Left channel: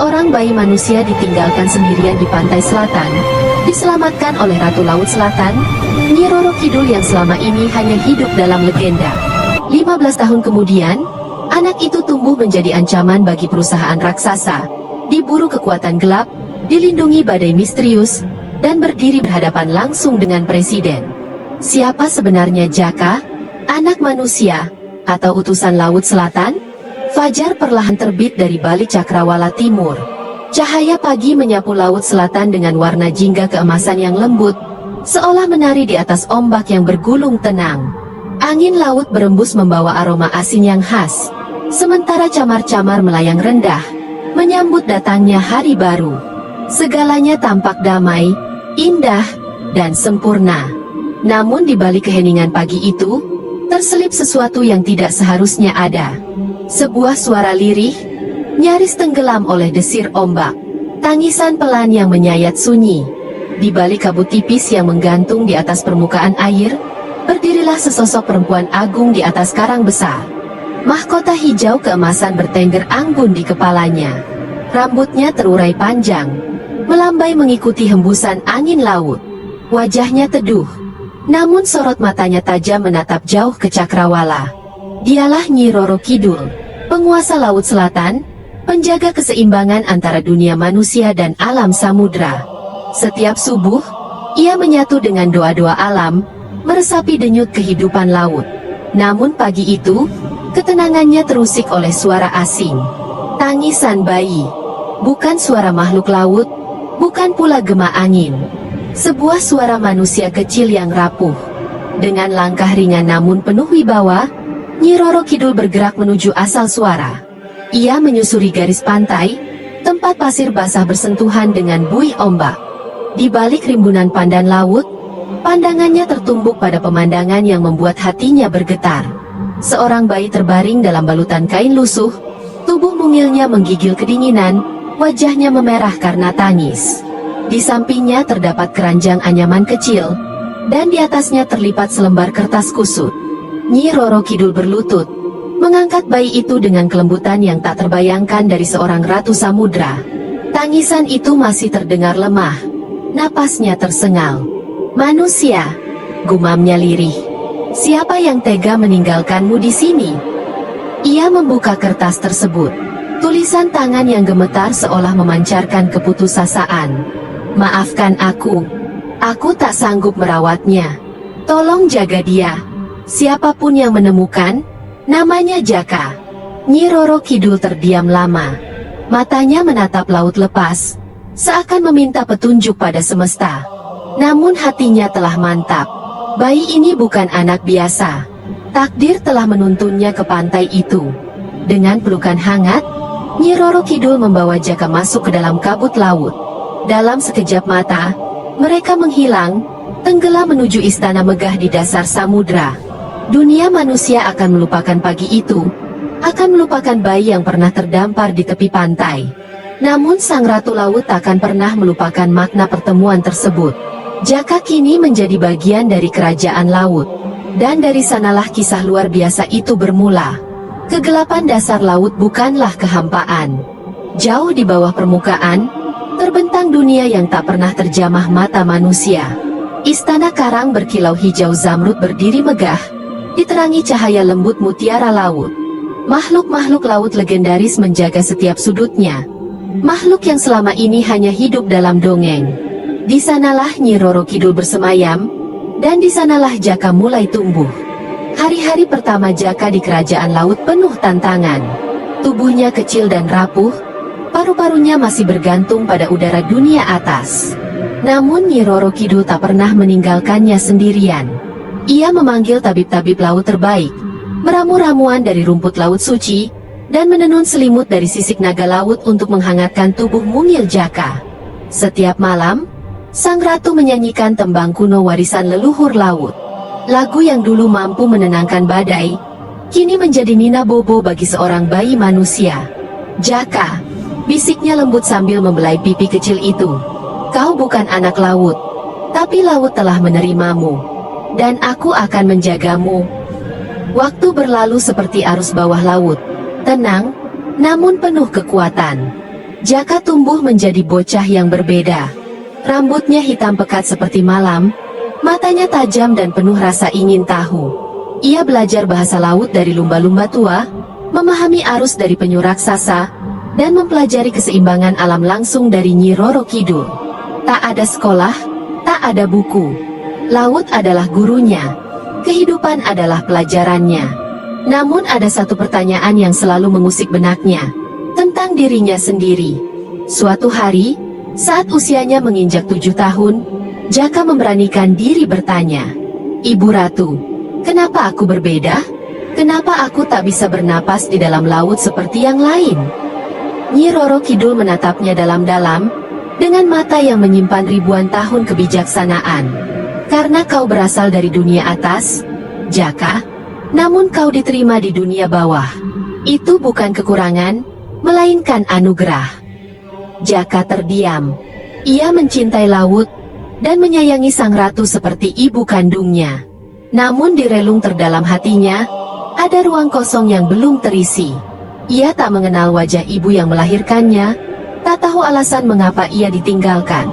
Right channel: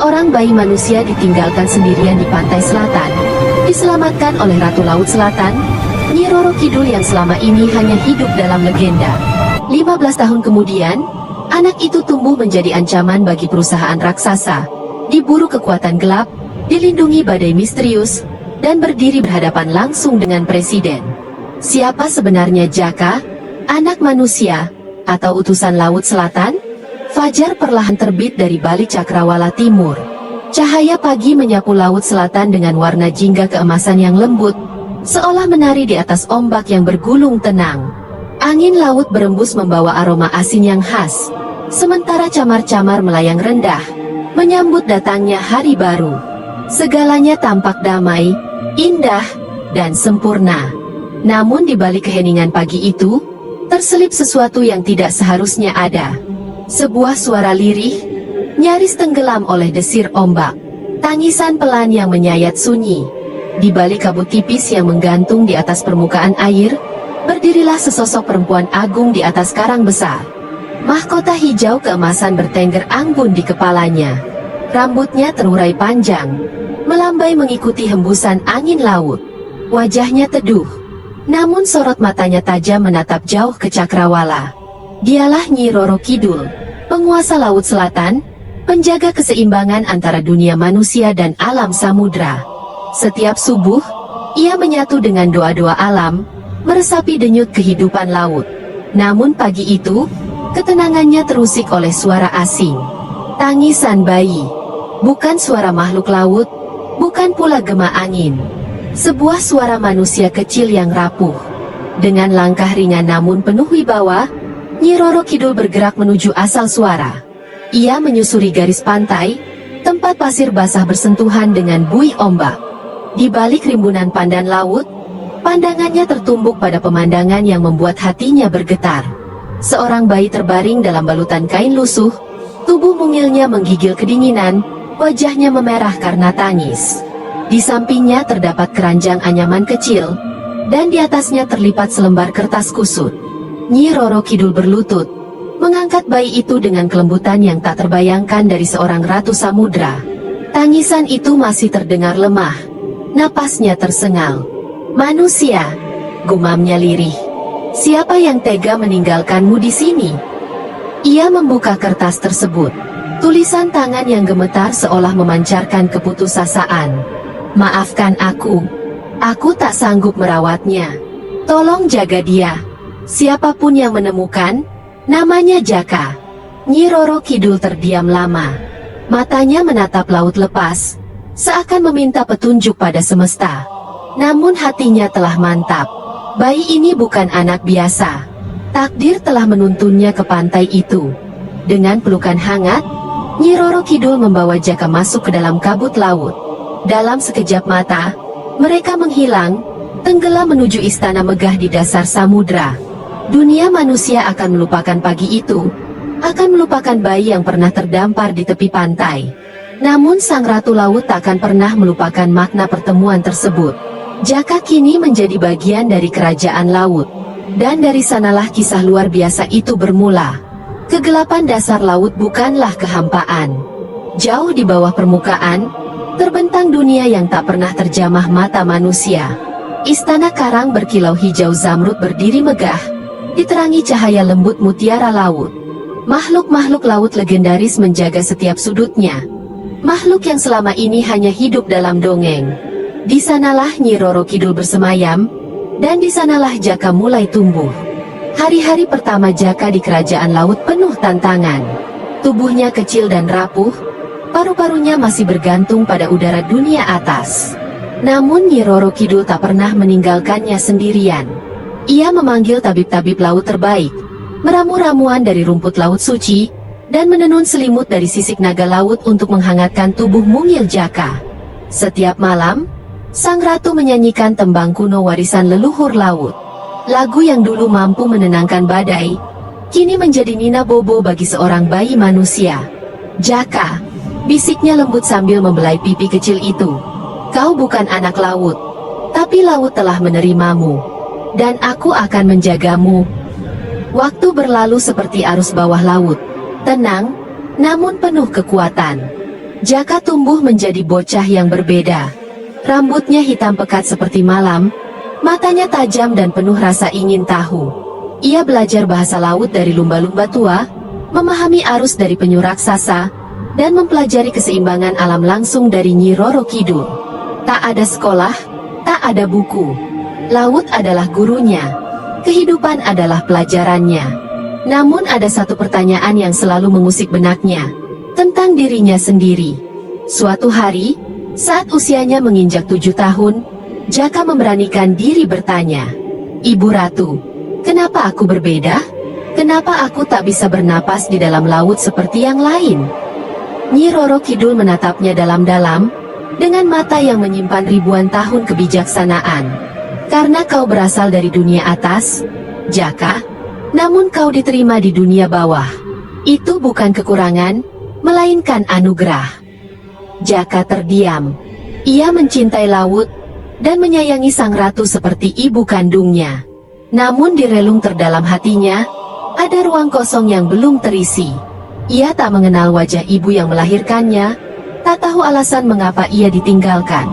Seorang bayi manusia ditinggalkan sendirian di pantai selatan, diselamatkan oleh Ratu Laut Selatan, Nyi Roro Kidul yang selama ini hanya hidup dalam legenda. 15 tahun kemudian, anak itu tumbuh menjadi ancaman bagi perusahaan raksasa, diburu kekuatan gelap, dilindungi badai misterius, dan berdiri berhadapan langsung dengan presiden. Siapa sebenarnya Jaka, anak manusia, atau utusan Laut Selatan? Fajar perlahan terbit dari balik cakrawala timur. Cahaya pagi menyapu Laut Selatan dengan warna jingga keemasan yang lembut, seolah menari di atas ombak yang bergulung tenang. Angin laut berembus membawa aroma asin yang khas, sementara camar-camar melayang rendah, menyambut datangnya hari baru. Segalanya tampak damai, indah, dan sempurna. Namun di balik keheningan pagi itu, terselip sesuatu yang tidak seharusnya ada. Sebuah suara lirih, nyaris tenggelam oleh desir ombak. Tangisan pelan yang menyayat sunyi. Di balik kabut tipis yang menggantung di atas permukaan air, berdirilah sesosok perempuan agung di atas karang besar. Mahkota hijau keemasan bertengger anggun di kepalanya. Rambutnya terurai panjang, melambai mengikuti hembusan angin laut. Wajahnya teduh, namun sorot matanya tajam menatap jauh ke cakrawala. Dialah Nyi Roro Kidul, penguasa Laut Selatan, penjaga keseimbangan antara dunia manusia dan alam samudra. Setiap subuh, ia menyatu dengan doa-doa alam, meresapi denyut kehidupan laut. Namun pagi itu, ketenangannya terusik oleh suara asing. Tangisan bayi. Bukan suara makhluk laut, bukan pula gema angin. Sebuah suara manusia kecil yang rapuh. Dengan langkah ringan namun penuh wibawa, Nyi Roro Kidul bergerak menuju asal suara. Ia menyusuri garis pantai, tempat pasir basah bersentuhan dengan buih ombak. Di balik rimbunan pandan laut, pandangannya tertumbuk pada pemandangan yang membuat hatinya bergetar. Seorang bayi terbaring dalam balutan kain lusuh, tubuh mungilnya menggigil kedinginan, wajahnya memerah karena tangis. Di sampingnya terdapat keranjang anyaman kecil, dan di atasnya terlipat selembar kertas kusut. Nyi Roro Kidul berlutut, mengangkat bayi itu dengan kelembutan yang tak terbayangkan dari seorang ratu samudra. Tangisan itu masih terdengar lemah, napasnya tersengal. "Manusia," gumamnya lirih. "Siapa yang tega meninggalkanmu di sini?" Ia membuka kertas tersebut. Tulisan tangan yang gemetar seolah memancarkan keputusasaan. "Maafkan aku. Aku tak sanggup merawatnya. Tolong jaga dia. Siapapun yang menemukan, namanya Jaka." Nyi Roro Kidul terdiam lama. Matanya menatap laut lepas, seakan meminta petunjuk pada semesta. Namun hatinya telah mantap. Bayi ini bukan anak biasa. Takdir telah menuntunnya ke pantai itu. Dengan pelukan hangat, Nyi Roro Kidul membawa Jaka masuk ke dalam kabut laut. Dalam sekejap mata, mereka menghilang, tenggelam menuju istana megah di dasar samudra. Dunia manusia akan melupakan pagi itu, akan melupakan bayi yang pernah terdampar di tepi pantai. Namun sang Ratu Laut tak akan pernah melupakan makna pertemuan tersebut. Jaka kini menjadi bagian dari kerajaan laut. Dan dari sanalah kisah luar biasa itu bermula. Kegelapan dasar laut bukanlah kehampaan. Jauh di bawah permukaan, terbentang dunia yang tak pernah terjamah mata manusia. Istana karang berkilau hijau zamrud berdiri megah, diterangi cahaya lembut mutiara laut. Makhluk-makhluk laut legendaris menjaga setiap sudutnya. Makhluk yang selama ini hanya hidup dalam dongeng. Di sanalah Nyi Roro Kidul bersemayam, dan di sanalah Jaka mulai tumbuh. Hari-hari pertama Jaka di kerajaan laut penuh tantangan. Tubuhnya kecil dan rapuh, paru-parunya masih bergantung pada udara dunia atas. Namun Nyi Roro Kidul tak pernah meninggalkannya sendirian. Ia memanggil tabib-tabib laut terbaik, meramu-ramuan dari rumput laut suci, dan menenun selimut dari sisik naga laut untuk menghangatkan tubuh mungil Jaka. Setiap malam, sang ratu menyanyikan tembang kuno warisan leluhur laut. Lagu yang dulu mampu menenangkan badai, kini menjadi nina bobo bagi seorang bayi manusia. "Jaka," bisiknya lembut sambil membelai pipi kecil itu. "Kau bukan anak laut, tapi laut telah menerimamu. Dan aku akan menjagamu." Waktu berlalu seperti arus bawah laut, tenang, namun penuh kekuatan. Jaka tumbuh menjadi bocah yang berbeda. Rambutnya hitam pekat seperti malam, matanya tajam dan penuh rasa ingin tahu. Ia belajar bahasa laut dari lumba-lumba tua, memahami arus dari penyu raksasa, dan mempelajari keseimbangan alam langsung dari Nyi Roro Kidul. Tak ada sekolah, tak ada buku. Laut adalah gurunya. Kehidupan adalah pelajarannya. Namun ada satu pertanyaan yang selalu mengusik benaknya, tentang dirinya sendiri. Suatu hari, saat usianya menginjak 7 tahun, Jaka memberanikan diri bertanya, "Ibu Ratu, kenapa aku berbeda? Kenapa aku tak bisa bernapas di dalam laut seperti yang lain?" Nyi Roro Kidul menatapnya dalam-dalam, dengan mata yang menyimpan ribuan tahun kebijaksanaan. "Karena kau berasal dari dunia atas, Jaka, namun kau diterima di dunia bawah. Itu bukan kekurangan, melainkan anugerah." Jaka terdiam. Ia mencintai laut, dan menyayangi sang ratu seperti ibu kandungnya. Namun di relung terdalam hatinya, ada ruang kosong yang belum terisi. Ia tak mengenal wajah ibu yang melahirkannya, tak tahu alasan mengapa ia ditinggalkan.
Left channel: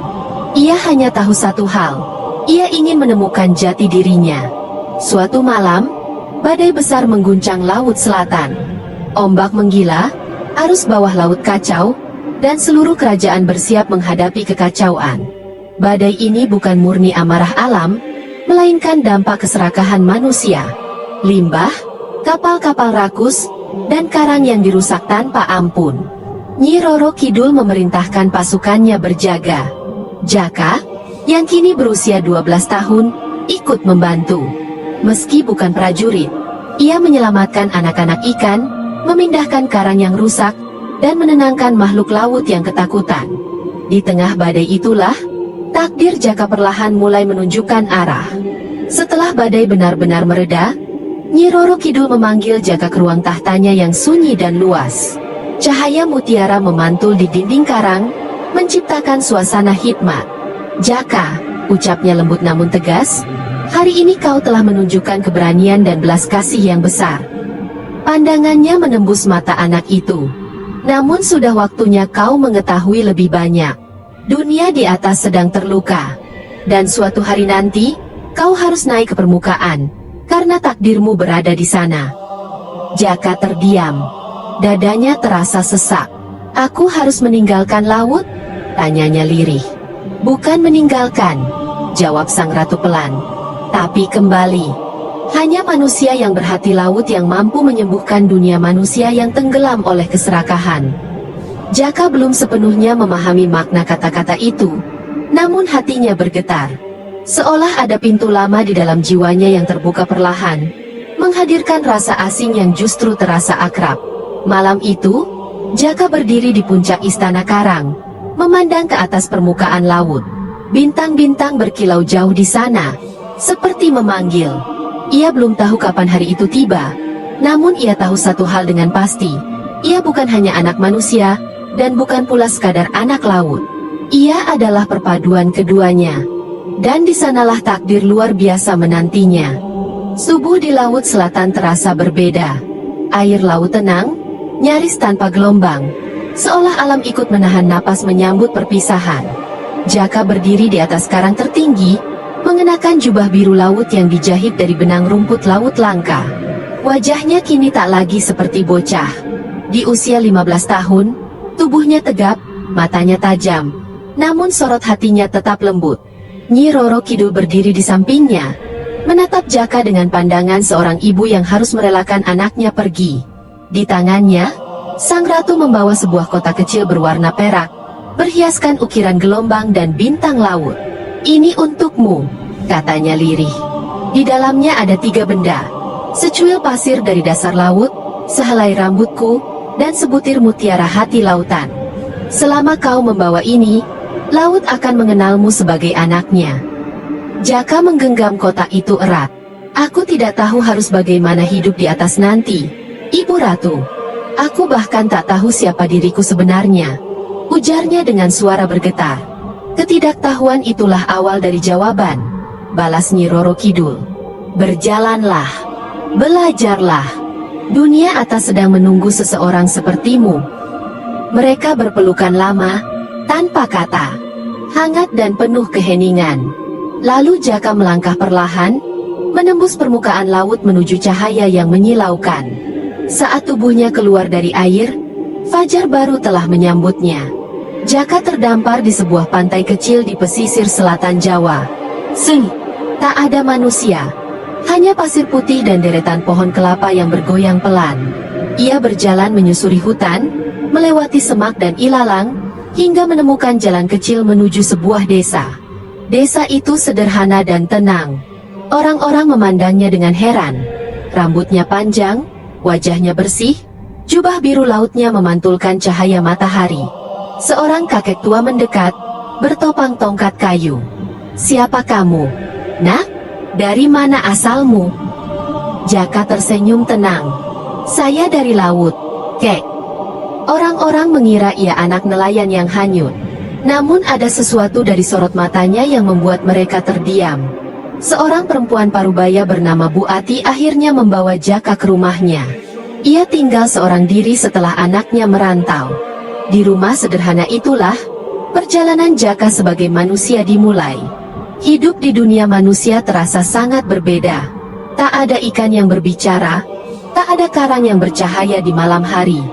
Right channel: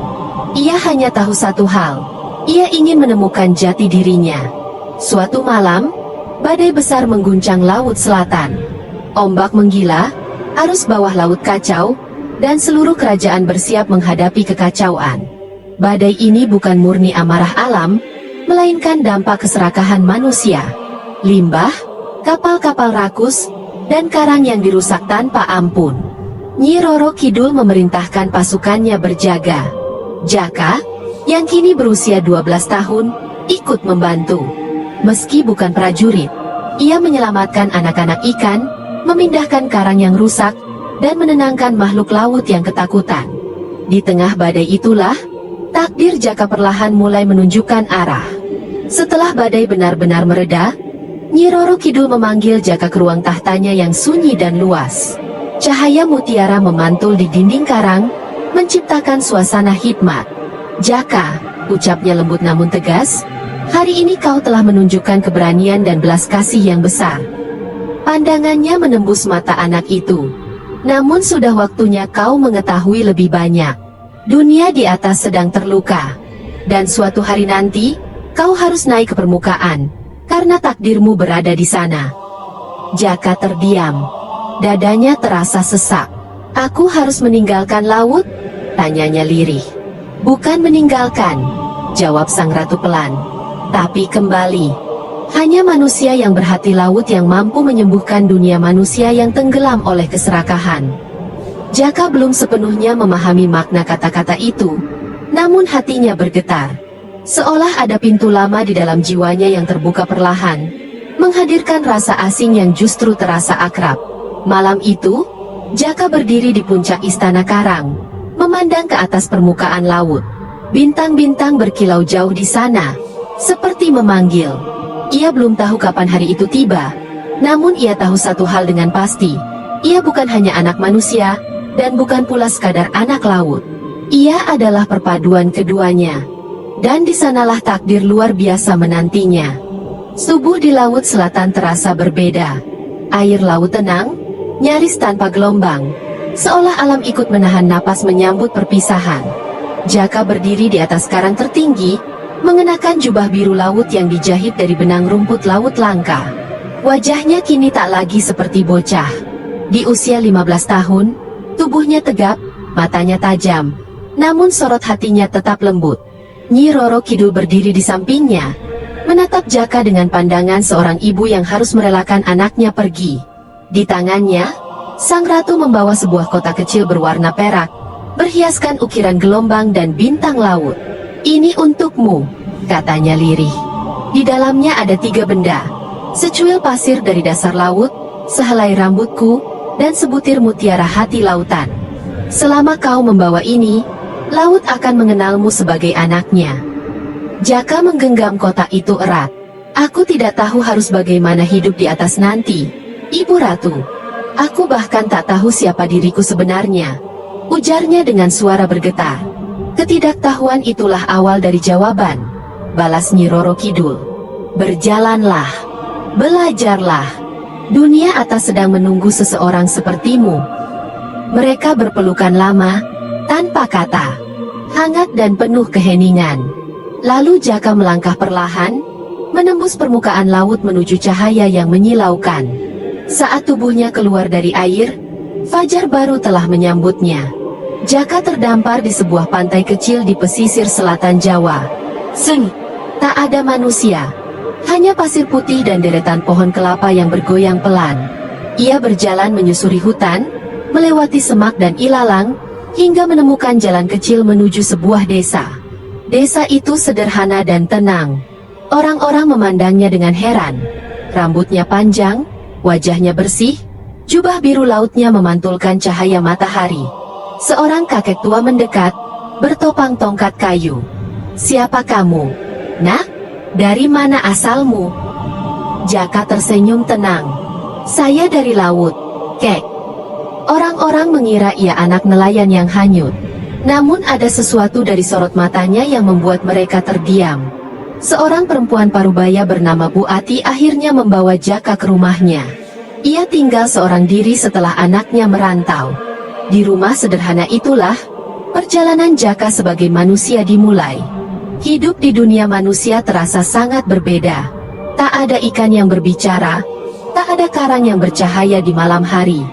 Ia hanya tahu satu hal, ia ingin menemukan jati dirinya. Suatu malam, badai besar mengguncang laut selatan. Ombak menggila, arus bawah laut kacau, dan seluruh kerajaan bersiap menghadapi kekacauan. Badai ini bukan murni amarah alam, melainkan dampak keserakahan manusia. Limbah, kapal-kapal rakus, dan karang yang dirusak tanpa ampun. Nyi Roro Kidul memerintahkan pasukannya berjaga. Jaka, yang kini berusia 12 tahun, ikut membantu. Meski bukan prajurit, ia menyelamatkan anak-anak ikan, memindahkan karang yang rusak, dan menenangkan makhluk laut yang ketakutan. Di tengah badai itulah, takdir Jaka perlahan mulai menunjukkan arah. Setelah badai benar-benar mereda, Nyi Roro Kidul memanggil Jaka ke ruang tahtanya yang sunyi dan luas. Cahaya mutiara memantul di dinding karang, menciptakan suasana hikmat. "Jaka," ucapnya lembut namun tegas, "hari ini kau telah menunjukkan keberanian dan belas kasih yang besar." Pandangannya menembus mata anak itu. "Namun sudah waktunya kau mengetahui lebih banyak. Dunia di atas sedang terluka. Dan suatu hari nanti, kau harus naik ke permukaan, karena takdirmu berada di sana." Jaka terdiam. Dadanya terasa sesak. "Aku harus meninggalkan laut?" tanyanya lirih. "Bukan meninggalkan," jawab sang ratu pelan, "tapi kembali. Hanya manusia yang berhati laut yang mampu menyembuhkan dunia manusia yang tenggelam oleh keserakahan." Jaka belum sepenuhnya memahami makna kata-kata itu, namun hatinya bergetar. Seolah ada pintu lama di dalam jiwanya yang terbuka perlahan, menghadirkan rasa asing yang justru terasa akrab. Malam itu, Jaka berdiri di puncak istana karang, memandang ke atas permukaan laut. Bintang-bintang berkilau jauh di sana, seperti memanggil. Ia belum tahu kapan hari itu tiba, namun ia tahu satu hal dengan pasti. Ia bukan hanya anak manusia, dan bukan pula sekadar anak laut. Ia adalah perpaduan keduanya. Dan di sanalah takdir luar biasa menantinya. Subuh di laut selatan terasa berbeda. Air laut tenang, nyaris tanpa gelombang. Seolah alam ikut menahan napas menyambut perpisahan. Jaka berdiri di atas karang tertinggi, mengenakan jubah biru laut yang dijahit dari benang rumput laut langka. Wajahnya kini tak lagi seperti bocah. Di usia 15 tahun, tubuhnya tegap, matanya tajam, namun sorot hatinya tetap lembut. Nyi Roro Kidul berdiri di sampingnya, menatap Jaka dengan pandangan seorang ibu yang harus merelakan anaknya pergi. Di tangannya, sang ratu membawa sebuah kotak kecil berwarna perak, berhiaskan ukiran gelombang dan bintang laut. "Ini untukmu," katanya lirih. Di dalamnya ada 3 benda. Secuil pasir dari dasar laut, sehelai rambutku, dan sebutir mutiara hati lautan. Selama kau membawa ini, laut akan mengenalmu sebagai anaknya. Jaka menggenggam kotak itu erat. "Aku tidak tahu harus bagaimana hidup di atas nanti, Ibu Ratu. Aku bahkan tak tahu siapa diriku sebenarnya," ujarnya dengan suara bergetar. "Ketidaktahuan itulah awal dari jawaban," balas Nyi Roro Kidul. "Berjalanlah, belajarlah. Dunia atas sedang menunggu seseorang sepertimu." Mereka berpelukan lama, tanpa kata, hangat dan penuh keheningan. Lalu Jaka melangkah perlahan, menembus permukaan laut menuju cahaya yang menyilaukan. Saat tubuhnya keluar dari air, fajar baru telah menyambutnya. Jaka terdampar di sebuah pantai kecil di pesisir selatan Jawa. Tak ada manusia, hanya pasir putih dan deretan pohon kelapa yang bergoyang pelan. Ia berjalan menyusuri hutan, melewati semak dan ilalang, hingga menemukan jalan kecil menuju sebuah desa. Desa itu sederhana dan tenang. Orang-orang memandangnya dengan heran. Rambutnya panjang, wajahnya bersih, jubah biru lautnya memantulkan cahaya matahari. Seorang kakek tua mendekat, bertopang tongkat kayu. "Siapa kamu? Nah, dari mana asalmu?" Jaka tersenyum tenang. "Saya dari laut, Kek." Orang-orang mengira ia anak nelayan yang hanyut. Namun ada sesuatu dari sorot matanya yang membuat mereka terdiam. Seorang perempuan parubaya bernama Bu Ati akhirnya membawa Jaka ke rumahnya. Ia tinggal seorang diri setelah anaknya merantau. Di rumah sederhana itulah, perjalanan Jaka sebagai manusia dimulai. Hidup di dunia manusia terasa sangat berbeda. Tak ada ikan yang berbicara, tak ada karang yang bercahaya di malam hari.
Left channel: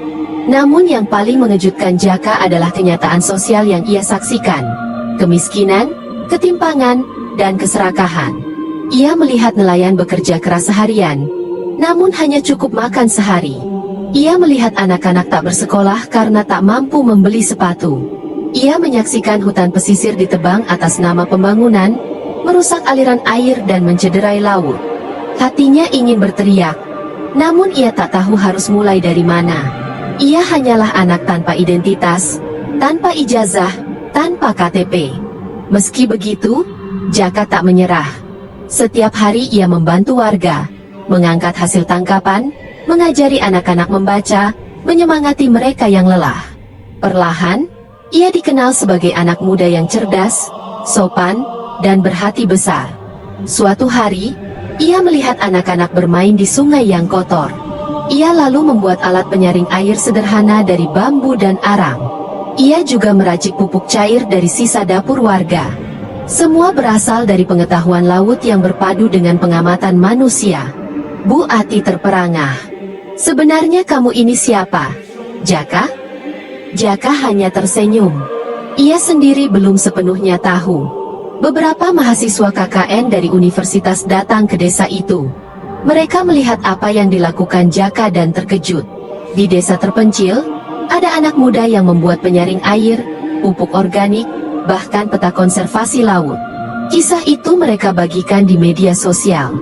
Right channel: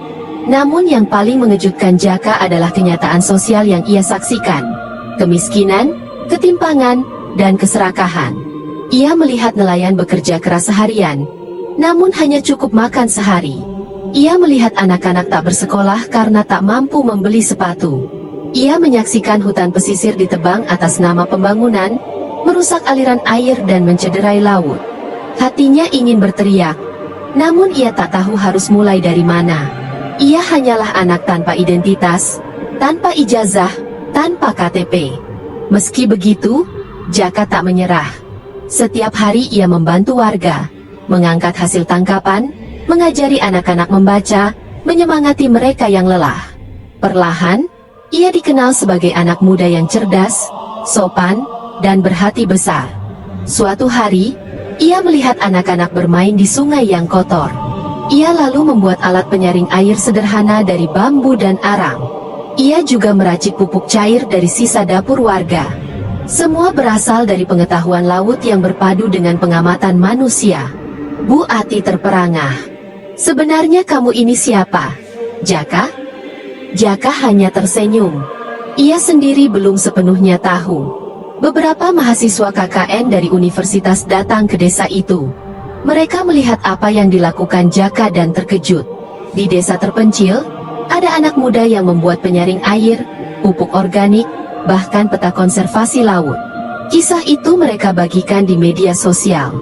Namun yang paling mengejutkan Jaka adalah kenyataan sosial yang ia saksikan. Kemiskinan, ketimpangan, dan keserakahan. Ia melihat nelayan bekerja keras seharian, namun hanya cukup makan sehari. Ia melihat anak-anak tak bersekolah karena tak mampu membeli sepatu. Ia menyaksikan hutan pesisir ditebang atas nama pembangunan, merusak aliran air dan mencederai laut. Hatinya ingin berteriak, namun ia tak tahu harus mulai dari mana. Ia hanyalah anak tanpa identitas, tanpa ijazah, tanpa KTP. Meski begitu, Jaka tak menyerah. Setiap hari ia membantu warga, mengangkat hasil tangkapan, mengajari anak-anak membaca, menyemangati mereka yang lelah. Perlahan, ia dikenal sebagai anak muda yang cerdas, sopan, dan berhati besar. Suatu hari, ia melihat anak-anak bermain di sungai yang kotor. Ia lalu membuat alat penyaring air sederhana dari bambu dan arang. Ia juga meracik pupuk cair dari sisa dapur warga. Semua berasal dari pengetahuan laut yang berpadu dengan pengamatan manusia. Bu Ati terperangah. "Sebenarnya kamu ini siapa, Jaka?" Jaka hanya tersenyum. Ia sendiri belum sepenuhnya tahu. Beberapa mahasiswa KKN dari universitas datang ke desa itu. Mereka melihat apa yang dilakukan Jaka dan terkejut. Di desa terpencil, ada anak muda yang membuat penyaring air, pupuk organik, bahkan peta konservasi laut. Kisah itu mereka bagikan di media sosial.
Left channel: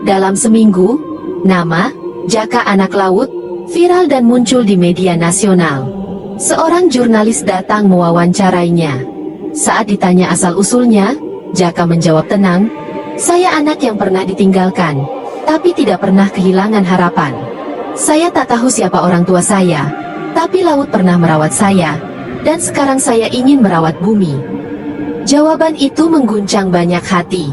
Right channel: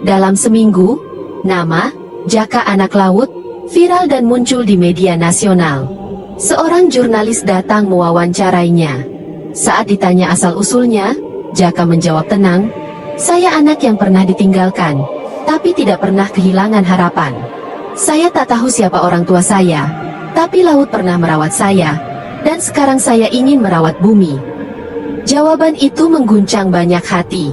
Dalam seminggu, nama Jaka Anak Laut viral dan muncul di media nasional. Seorang jurnalis datang mewawancarainya. Saat ditanya asal-usulnya, Jaka menjawab tenang, "Saya anak yang pernah ditinggalkan, tapi tidak pernah kehilangan harapan. Saya tak tahu siapa orang tua saya, tapi laut pernah merawat saya, dan sekarang saya ingin merawat bumi." Jawaban itu mengguncang banyak hati.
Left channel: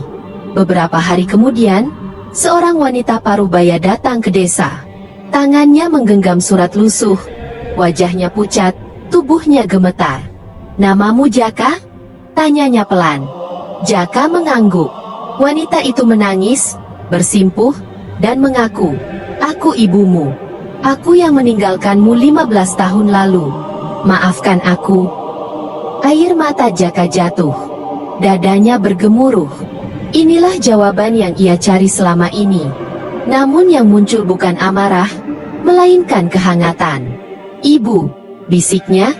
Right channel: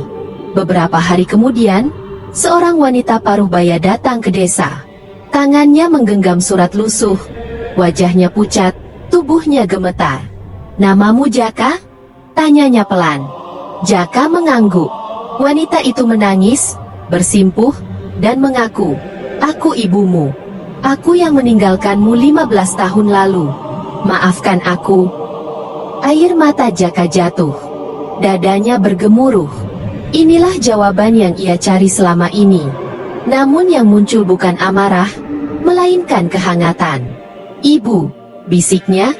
Beberapa hari kemudian, seorang wanita parubaya datang ke desa. Tangannya menggenggam surat lusuh, wajahnya pucat, tubuhnya gemetar. "Namamu Jaka?" tanyanya pelan. Jaka mengangguk. Wanita itu menangis, bersimpuh, dan mengaku, "Aku ibumu. Aku yang meninggalkanmu 15 tahun lalu. Maafkan aku." Air mata Jaka jatuh. Dadanya bergemuruh. Inilah jawaban yang ia cari selama ini. Namun yang muncul bukan amarah, melainkan kehangatan. "Ibu," bisiknya,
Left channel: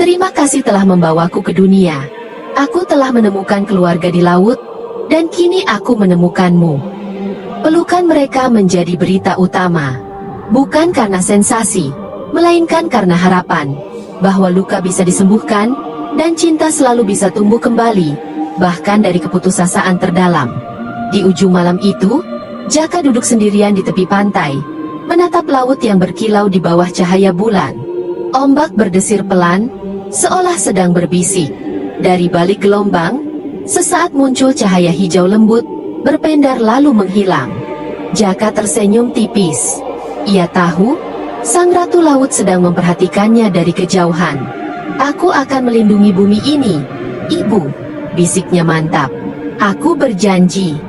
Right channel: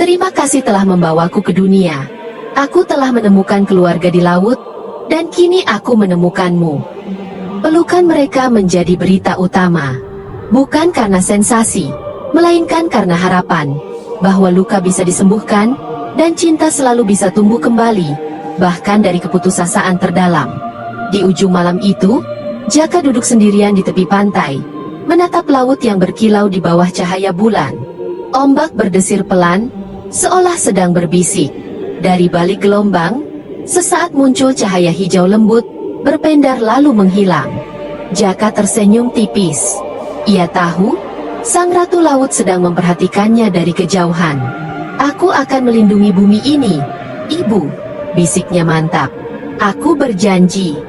"terima kasih telah membawaku ke dunia. Aku telah menemukan keluarga di laut, dan kini aku menemukanmu." Pelukan mereka menjadi berita utama. Bukan karena sensasi, melainkan karena harapan, bahwa luka bisa disembuhkan, dan cinta selalu bisa tumbuh kembali, bahkan dari keputusasaan terdalam. Di ujung malam itu, Jaka duduk sendirian di tepi pantai, menatap laut yang berkilau di bawah cahaya bulan. Ombak berdesir pelan, seolah sedang berbisik. Dari balik gelombang, sesaat muncul cahaya hijau lembut, berpendar lalu menghilang. Jaka tersenyum tipis. Ia tahu, Sang Ratu Laut sedang memperhatikannya dari kejauhan. Aku akan melindungi bumi ini, Ibu, bisiknya mantap. Aku berjanji.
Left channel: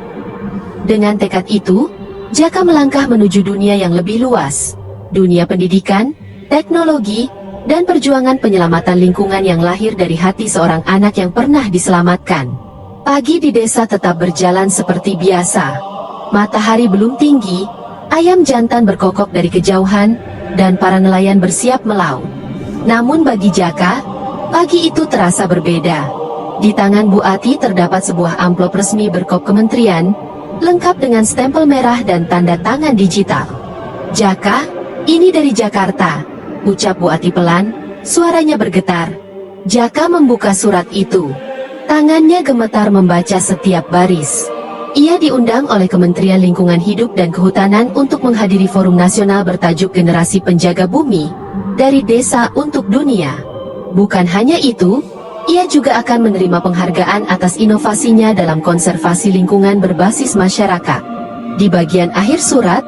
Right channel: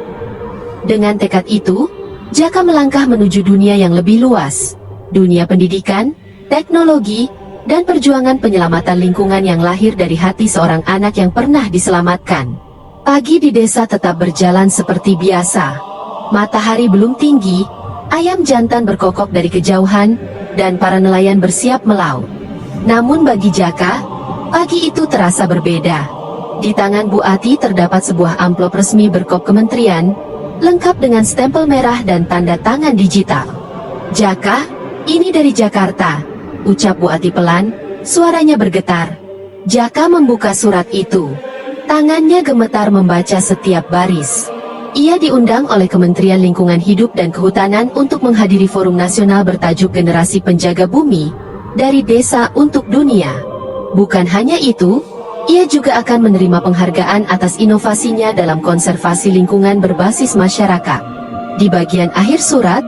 Dengan tekad itu, Jaka melangkah menuju dunia yang lebih luas. Dunia pendidikan, teknologi, dan perjuangan penyelamatan lingkungan yang lahir dari hati seorang anak yang pernah diselamatkan. Pagi di desa tetap berjalan seperti biasa. Matahari belum tinggi, ayam jantan berkokok dari kejauhan, dan para nelayan bersiap melaut. Namun bagi Jaka, pagi itu terasa berbeda. Di tangan Bu Ati terdapat sebuah amplop resmi berkop kementerian, lengkap dengan stempel merah dan tanda tangan digital. Jaka, ini dari Jakarta, ucap Bu Ati pelan, suaranya bergetar. Jaka membuka surat itu. Tangannya gemetar membaca setiap baris. Ia diundang oleh Kementerian Lingkungan Hidup dan Kehutanan untuk menghadiri forum nasional bertajuk Generasi Penjaga Bumi, dari Desa untuk Dunia. Bukan hanya itu, ia juga akan menerima penghargaan atas inovasinya dalam konservasi lingkungan berbasis masyarakat. Di bagian akhir surat,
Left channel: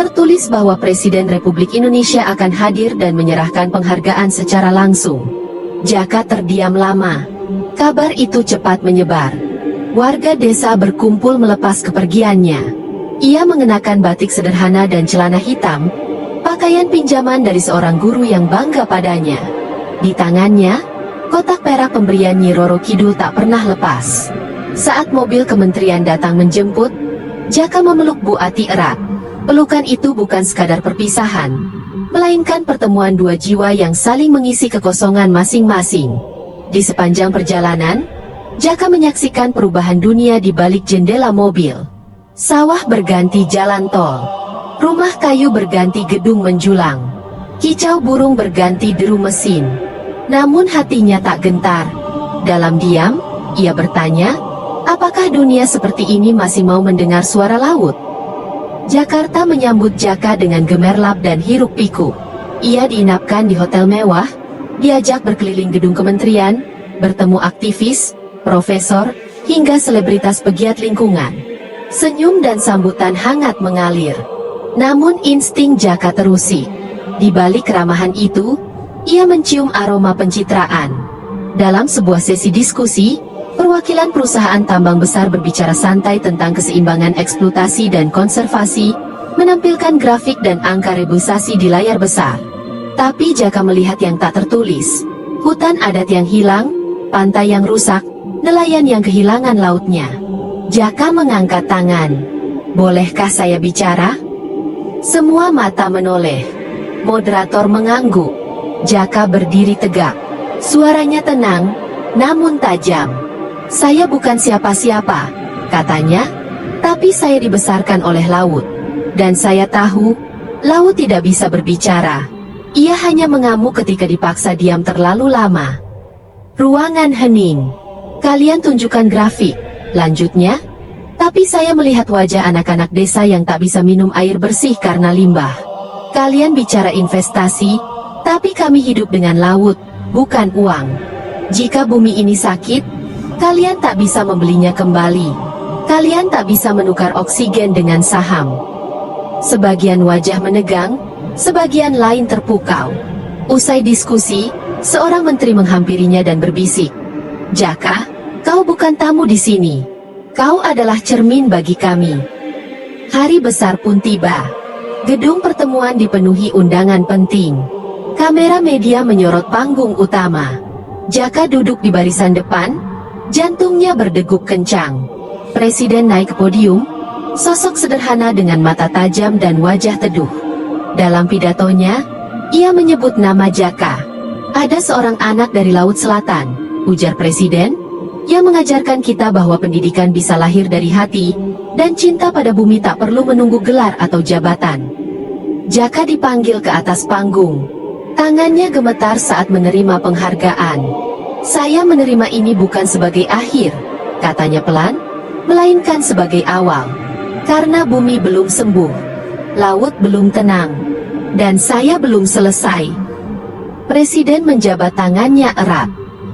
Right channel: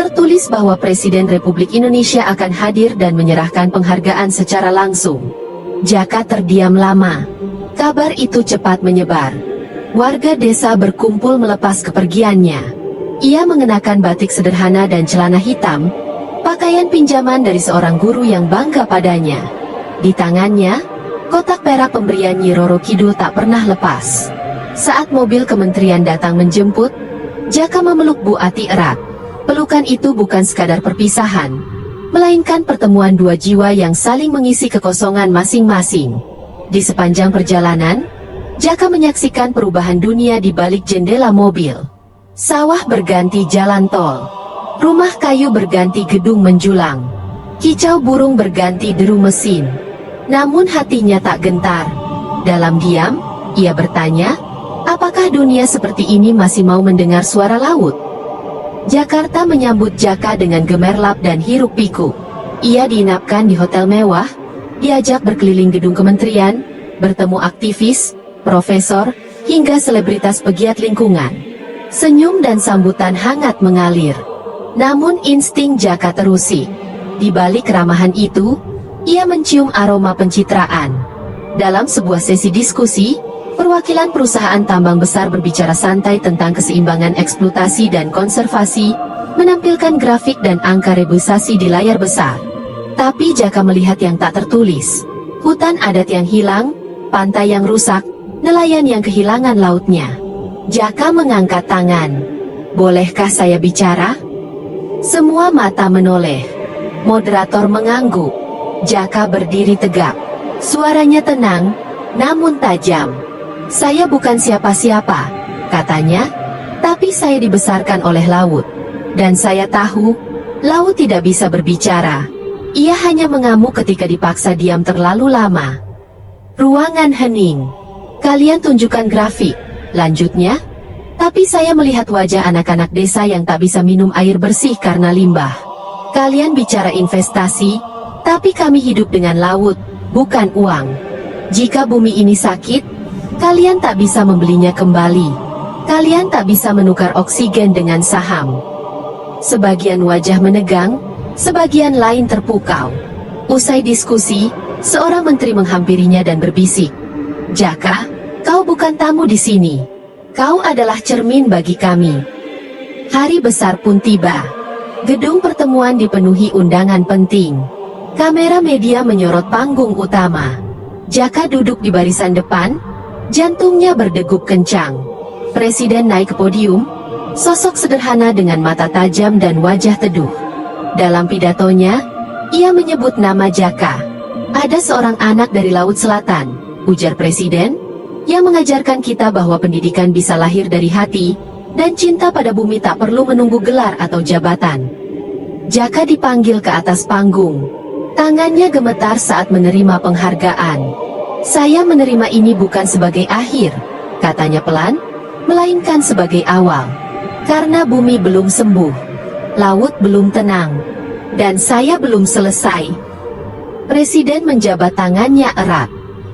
tertulis bahwa Presiden Republik Indonesia akan hadir dan menyerahkan penghargaan secara langsung. Jaka terdiam lama. Kabar itu cepat menyebar. Warga desa berkumpul melepas kepergiannya. Ia mengenakan batik sederhana dan celana hitam, pakaian pinjaman dari seorang guru yang bangga padanya. Di tangannya, kotak perak pemberian Nyi Roro Kidul tak pernah lepas. Saat mobil kementerian datang menjemput, Jaka memeluk Bu Ati erat. Pelukan itu bukan sekadar perpisahan, melainkan pertemuan dua jiwa yang saling mengisi kekosongan masing-masing. Di sepanjang perjalanan, Jaka menyaksikan perubahan dunia di balik jendela mobil. Sawah berganti jalan tol, rumah kayu berganti gedung menjulang, kicau burung berganti deru mesin. Namun hatinya tak gentar. Dalam diam, ia bertanya, apakah dunia seperti ini masih mau mendengar suara laut? Jakarta menyambut Jaka dengan gemerlap dan hiruk pikuk. Ia diinapkan di hotel mewah, diajak berkeliling gedung kementerian, bertemu aktivis, profesor, hingga selebritas pegiat lingkungan. Senyum dan sambutan hangat mengalir. Namun insting Jaka terusik. Di balik keramahan itu, ia mencium aroma pencitraan. Dalam sebuah sesi diskusi, perwakilan perusahaan tambang besar berbicara santai tentang keseimbangan eksploitasi dan konservasi, menampilkan grafik dan angka rebusasi di layar besar. Tapi Jaka melihat yang tak tertulis. Hutan adat yang hilang, pantai yang rusak, nelayan yang kehilangan lautnya. Jaka mengangkat tangan. Bolehkah saya bicara? Semua mata menoleh. Moderator mengangguk. Jaka berdiri tegak. Suaranya tenang, namun tajam. Saya bukan siapa-siapa, katanya, tapi saya dibesarkan oleh laut. Dan saya tahu, laut tidak bisa berbicara. Ia hanya mengamuk ketika dipaksa diam terlalu lama. Ruangan hening. Kalian tunjukkan grafik, lanjutnya. Tapi saya melihat wajah anak-anak desa yang tak bisa minum air bersih karena limbah. Kalian bicara investasi, tapi kami hidup dengan laut, bukan uang. Jika bumi ini sakit, kalian tak bisa membelinya kembali. Kalian tak bisa menukar oksigen dengan saham. Sebagian wajah menegang, sebagian lain terpukau. Usai diskusi, seorang menteri menghampirinya dan berbisik, Jaka, kau bukan tamu di sini. Kau adalah cermin bagi kami. Hari besar pun tiba. Gedung pertemuan dipenuhi undangan penting. Kamera media menyorot panggung utama. Jaka duduk di barisan depan, jantungnya berdegup kencang. Presiden naik ke podium, sosok sederhana dengan mata tajam dan wajah teduh. Dalam pidatonya, ia menyebut nama Jaka. Ada seorang anak dari Laut Selatan, ujar Presiden, yang mengajarkan kita bahwa pendidikan bisa lahir dari hati, dan cinta pada bumi tak perlu menunggu gelar atau jabatan. Jaka dipanggil ke atas panggung. Tangannya gemetar saat menerima penghargaan. Saya menerima ini bukan sebagai akhir, katanya pelan, melainkan sebagai awal. Karena bumi belum sembuh, laut belum tenang, dan saya belum selesai. Presiden menjabat tangannya erat.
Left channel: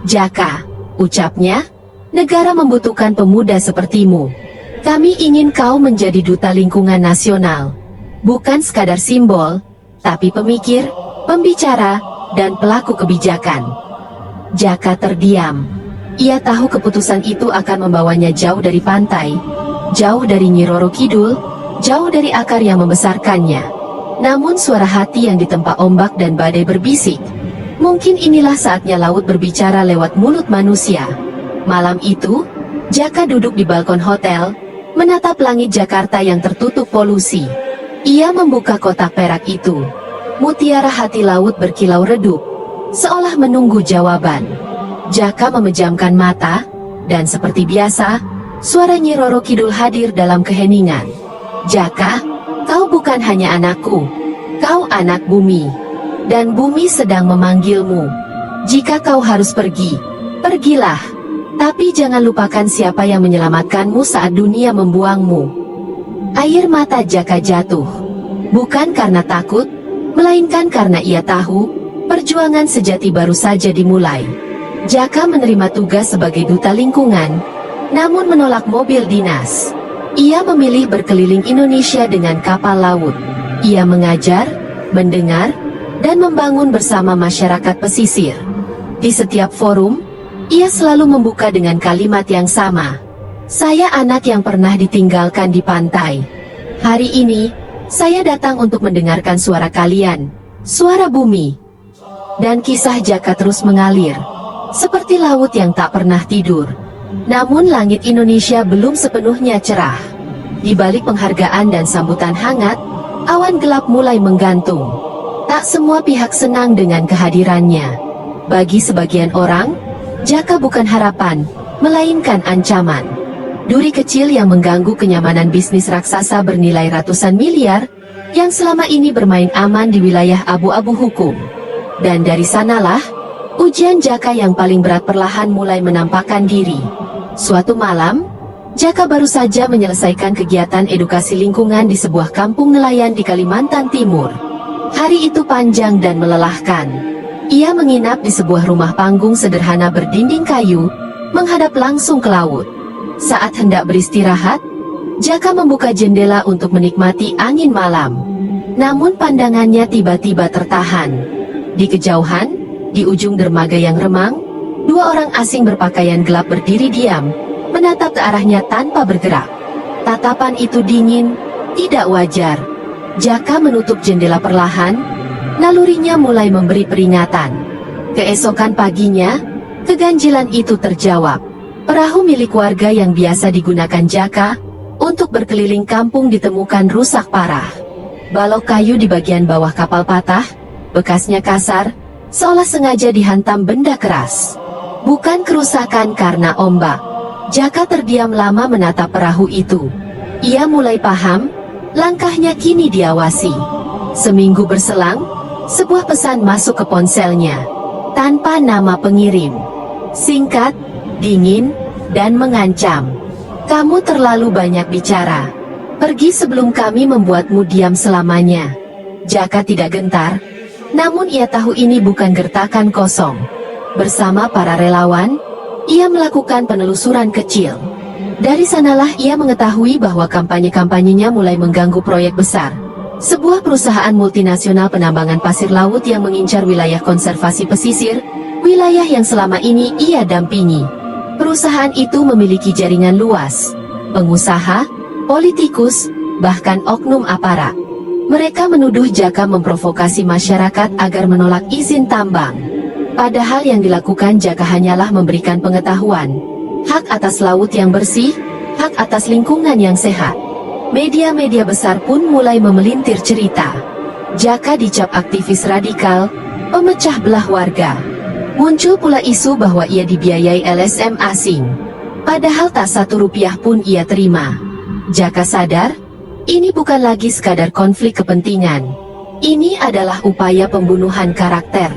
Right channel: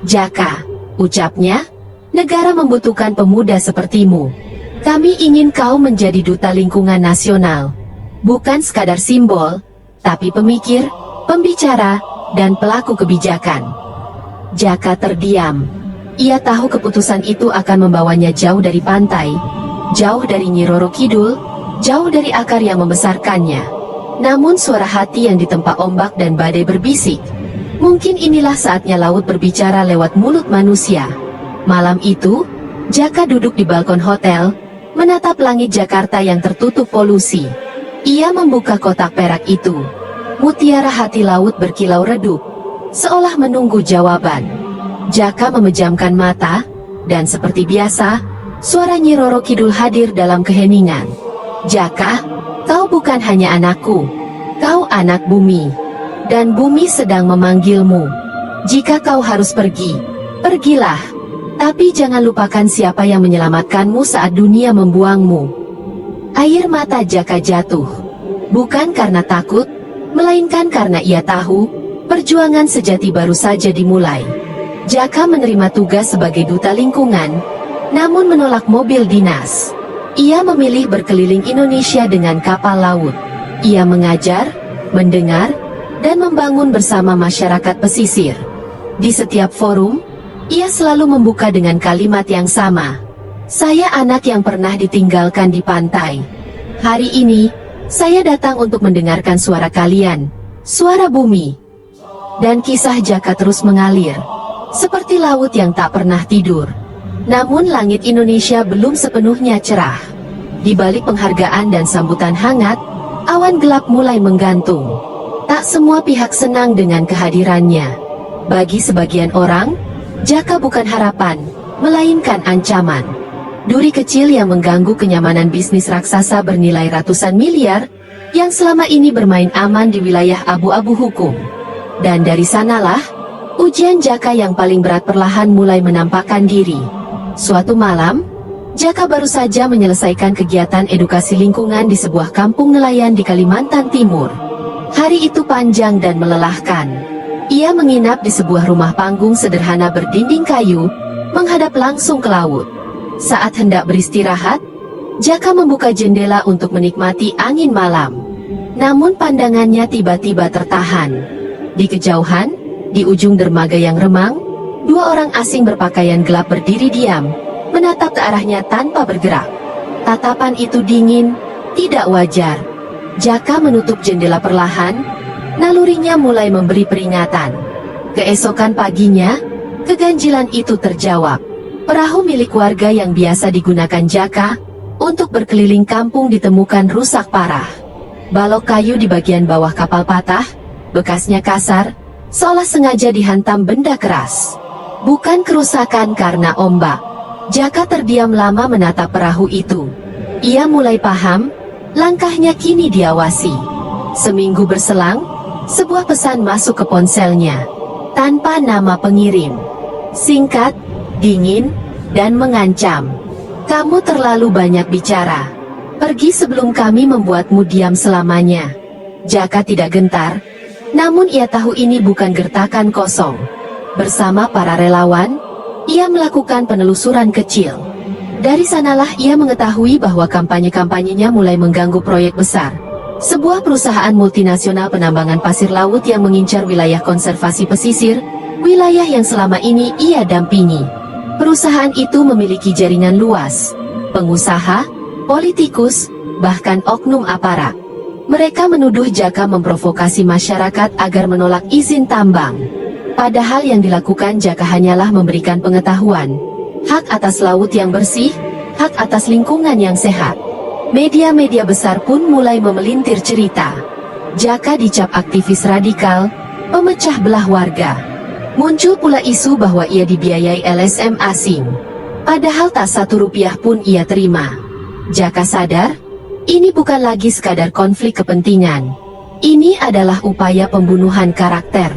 Jaka, ucapnya, negara membutuhkan pemuda sepertimu. Kami ingin kau menjadi duta lingkungan nasional. Bukan sekadar simbol, tapi pemikir, pembicara, dan pelaku kebijakan. Jaka terdiam. Ia tahu keputusan itu akan membawanya jauh dari pantai, jauh dari Nyi Roro Kidul, jauh dari akar yang membesarkannya. Namun suara hati yang ditempa ombak dan badai berbisik, mungkin inilah saatnya laut berbicara lewat mulut manusia. Malam itu, Jaka duduk di balkon hotel, menatap langit Jakarta yang tertutup polusi. Ia membuka kotak perak itu. Mutiara hati laut berkilau redup, seolah menunggu jawaban. Jaka memejamkan mata, dan seperti biasa, suara Nyi Roro Kidul hadir dalam keheningan. Jaka, kau bukan hanya anakku, kau anak bumi. Dan bumi sedang memanggilmu. Jika kau harus pergi, pergilah. Tapi jangan lupakan siapa yang menyelamatkanmu saat dunia membuangmu. Air mata Jaka jatuh. Bukan karena takut, melainkan karena ia tahu, perjuangan sejati baru saja dimulai. Jaka menerima tugas sebagai duta lingkungan, namun menolak mobil dinas. Ia memilih berkeliling Indonesia dengan kapal laut. Ia mengajar, mendengar, dan membangun bersama masyarakat pesisir. Di setiap forum, ia selalu membuka dengan kalimat yang sama. Saya anak yang pernah ditinggalkan di pantai. Hari ini, saya datang untuk mendengarkan suara kalian, suara bumi. Dan kisah Jaka terus mengalir, seperti laut yang tak pernah tidur. Namun langit Indonesia belum sepenuhnya cerah. Di balik penghargaan dan sambutan hangat, awan gelap mulai menggantung. Tak semua pihak senang dengan kehadirannya. Bagi sebagian orang, Jaka bukan harapan, melainkan ancaman. Duri kecil yang mengganggu kenyamanan bisnis raksasa bernilai ratusan miliar, yang selama ini bermain aman di wilayah abu-abu hukum. Dan dari sanalah, ujian Jaka yang paling berat perlahan mulai menampakkan diri. Suatu malam, Jaka baru saja menyelesaikan kegiatan edukasi lingkungan di sebuah kampung nelayan di Kalimantan Timur. Hari itu panjang dan melelahkan. Ia menginap di sebuah rumah panggung sederhana berdinding kayu, menghadap langsung ke laut. Saat hendak beristirahat, Jaka membuka jendela untuk menikmati angin malam. Namun pandangannya tiba-tiba tertahan. Di kejauhan, di ujung dermaga yang remang, dua orang asing berpakaian gelap berdiri diam, menatap ke arahnya tanpa bergerak. Tatapan itu dingin, tidak wajar. Jaka menutup jendela perlahan. Nalurinya mulai memberi peringatan. Keesokan paginya, keganjilan itu terjawab. Perahu milik warga yang biasa digunakan Jaka untuk berkeliling kampung ditemukan rusak parah. Balok kayu di bagian bawah kapal patah, bekasnya kasar, seolah sengaja dihantam benda keras. Bukan kerusakan karena ombak. Jaka terdiam lama menatap perahu itu. Ia mulai paham, langkahnya kini diawasi. Seminggu berselang, sebuah pesan masuk ke ponselnya, tanpa nama pengirim. Singkat, dingin, dan mengancam. Kamu terlalu banyak bicara. Pergi sebelum kami membuatmu diam selamanya. Jaka tidak gentar, namun ia tahu ini bukan gertakan kosong. Bersama para relawan, ia melakukan penelusuran kecil. Dari sanalah ia mengetahui bahwa kampanye-kampanyenya mulai mengganggu proyek besar. Sebuah perusahaan multinasional penambangan pasir laut yang mengincar wilayah konservasi pesisir, wilayah yang selama ini ia dampingi. Perusahaan itu memiliki jaringan luas, pengusaha, politikus, bahkan oknum aparat. Mereka menuduh Jaka memprovokasi masyarakat agar menolak izin tambang. Padahal yang dilakukan Jaka hanyalah memberikan pengetahuan, hak atas laut yang bersih, hak atas lingkungan yang sehat. Media-media besar pun mulai memelintir cerita. Jaka dicap aktivis radikal, pemecah belah warga. Muncul pula isu bahwa ia dibiayai LSM asing. Padahal tak satu rupiah pun ia terima. Jaka sadar, ini bukan lagi sekadar konflik kepentingan. Ini adalah upaya pembunuhan karakter.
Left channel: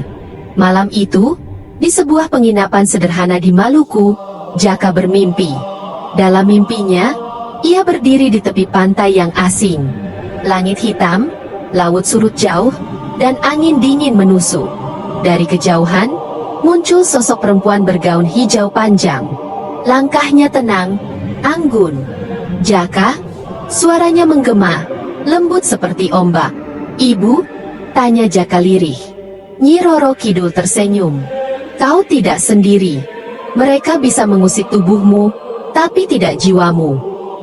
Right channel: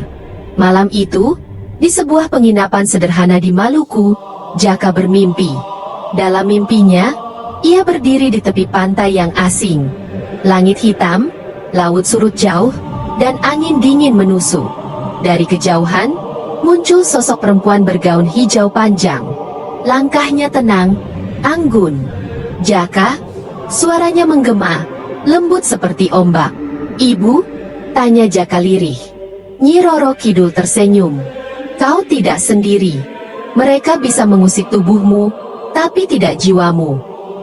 Malam itu, di sebuah penginapan sederhana di Maluku, Jaka bermimpi. Dalam mimpinya, ia berdiri di tepi pantai yang asing. Langit hitam, laut surut jauh, dan angin dingin menusuk. Dari kejauhan, muncul sosok perempuan bergaun hijau panjang. Langkahnya tenang, anggun. Jaka, suaranya menggema, lembut seperti ombak. Ibu, Tanya Jaka lirih. Nyi Roro Kidul tersenyum. Kau tidak sendiri. Mereka bisa mengusik tubuhmu, tapi tidak jiwamu.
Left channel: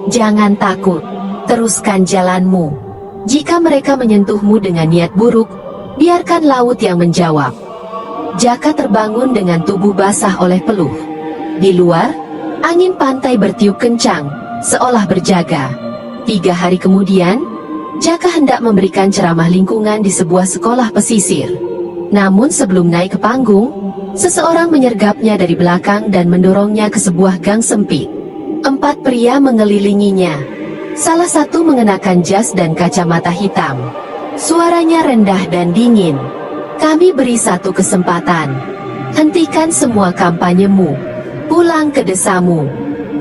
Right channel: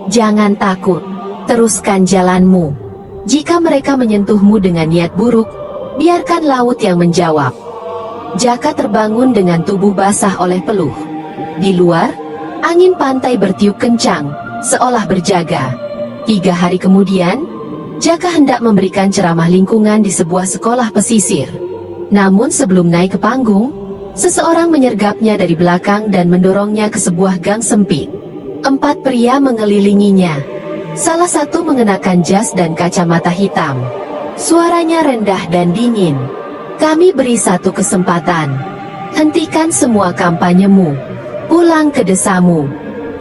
Jangan takut. Teruskan jalanmu. Jika mereka menyentuhmu dengan niat buruk, biarkan laut yang menjawab. Jaka terbangun dengan tubuh basah oleh peluh. Di luar, angin pantai bertiup kencang, seolah berjaga. 3 hari kemudian, Jaka hendak memberikan ceramah lingkungan di sebuah sekolah pesisir. Namun sebelum naik ke panggung, seseorang menyergapnya dari belakang dan mendorongnya ke sebuah gang sempit. 4 pria mengelilinginya. Salah satu mengenakan jas dan kacamata hitam. Suaranya rendah dan dingin. Kami beri satu kesempatan. Hentikan semua kampanyemu. Pulang ke desamu.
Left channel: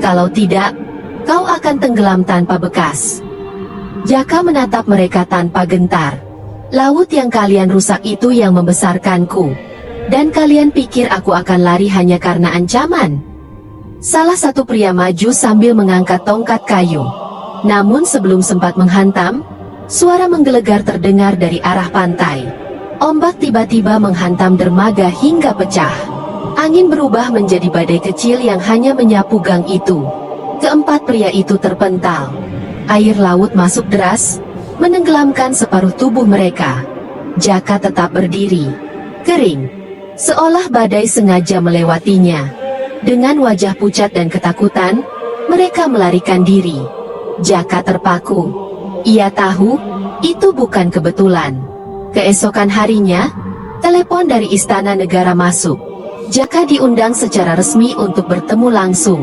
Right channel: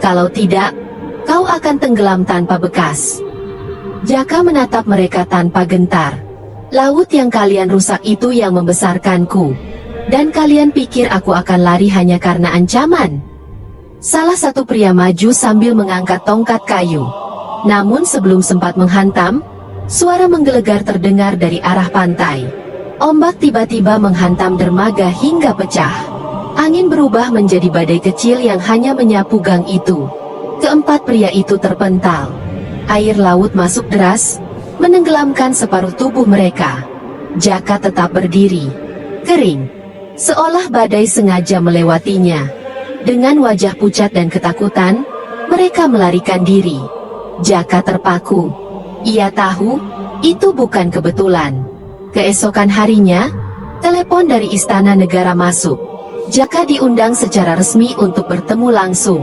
Kalau tidak, kau akan tenggelam tanpa bekas. Jaka menatap mereka tanpa gentar. Laut yang kalian rusak itu yang membesarkanku. Dan kalian pikir aku akan lari hanya karena ancaman? Salah satu pria maju sambil mengangkat tongkat kayu. Namun sebelum sempat menghantam, suara menggelegar terdengar dari arah pantai. Ombak tiba-tiba menghantam dermaga hingga pecah. Angin berubah menjadi badai kecil yang hanya menyapu gang itu. 4 pria itu terpental. Air laut masuk deras, menenggelamkan separuh tubuh mereka. Jaka tetap berdiri, kering, seolah badai sengaja melewatinya. Dengan wajah pucat dan ketakutan, mereka melarikan diri. Jaka terpaku. Ia tahu, itu bukan kebetulan. Keesokan harinya, telepon dari Istana Negara masuk. Jaka diundang secara resmi untuk bertemu langsung.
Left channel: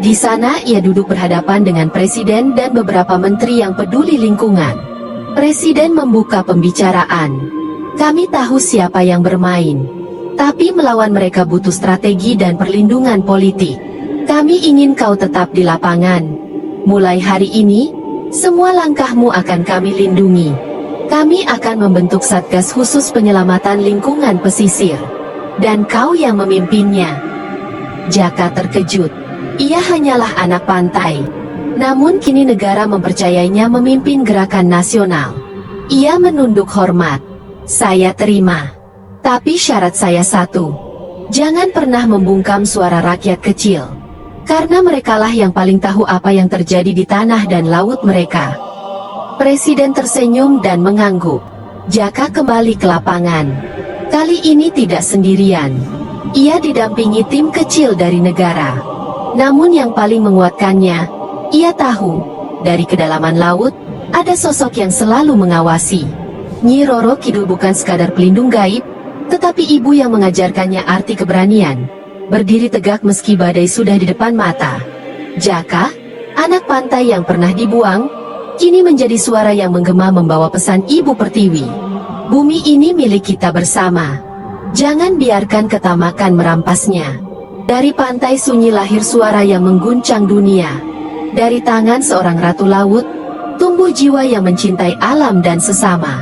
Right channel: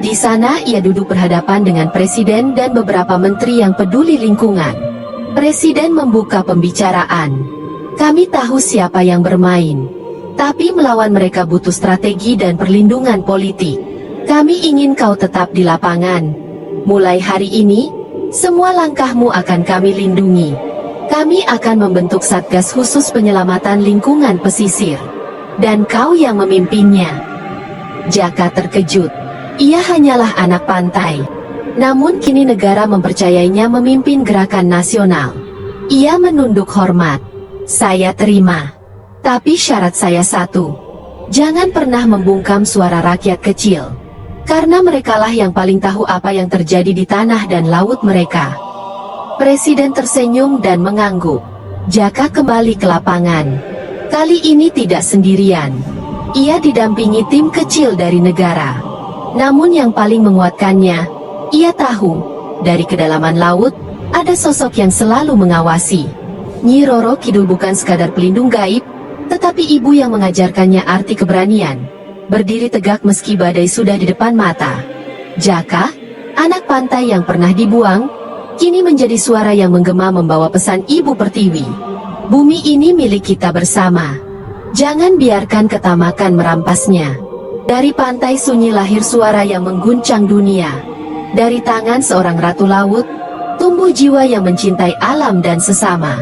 Di sana ia duduk berhadapan dengan Presiden dan beberapa menteri yang peduli lingkungan. Presiden membuka pembicaraan. Kami tahu siapa yang bermain. Tapi melawan mereka butuh strategi dan perlindungan politik. Kami ingin kau tetap di lapangan. Mulai hari ini, semua langkahmu akan kami lindungi. Kami akan membentuk Satgas Khusus Penyelamatan Lingkungan Pesisir. Dan kau yang memimpinnya. Jaka terkejut. Ia hanyalah anak pantai. Namun kini negara mempercayainya memimpin gerakan nasional. Ia menunduk hormat. Saya terima. Tapi syarat saya satu. Jangan pernah membungkam suara rakyat kecil. Karena merekalah yang paling tahu apa yang terjadi di tanah dan laut mereka. Presiden tersenyum dan mengangguk. Jaka kembali ke lapangan. Kali ini tidak sendirian. Ia didampingi tim kecil dari negara. Namun yang paling menguatkannya, ia tahu, dari kedalaman laut, ada sosok yang selalu mengawasi. Nyi Roro Kidul bukan sekadar pelindung gaib, tetapi ibu yang mengajarkannya arti keberanian. Berdiri tegak meski badai sudah di depan mata. Jaka, anak pantai yang pernah dibuang, kini menjadi suara yang menggema membawa pesan Ibu Pertiwi. Bumi ini milik kita bersama. Jangan biarkan ketamakan merampasnya. Dari pantai sunyi lahir suara yang mengguncang dunia. Dari tangan seorang ratu laut, tumbuh jiwa yang mencintai alam dan sesama.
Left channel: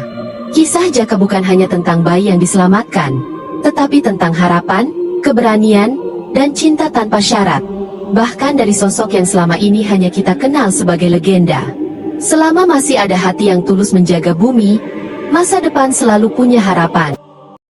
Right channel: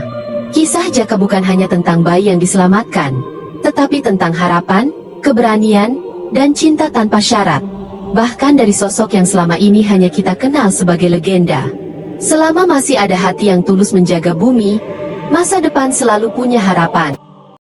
Kisah Jaka bukan hanya tentang bayi yang diselamatkan, tetapi tentang harapan, keberanian, dan cinta tanpa syarat. Bahkan dari sosok yang selama ini hanya kita kenal sebagai legenda. Selama masih ada hati yang tulus menjaga bumi, masa depan selalu punya harapan.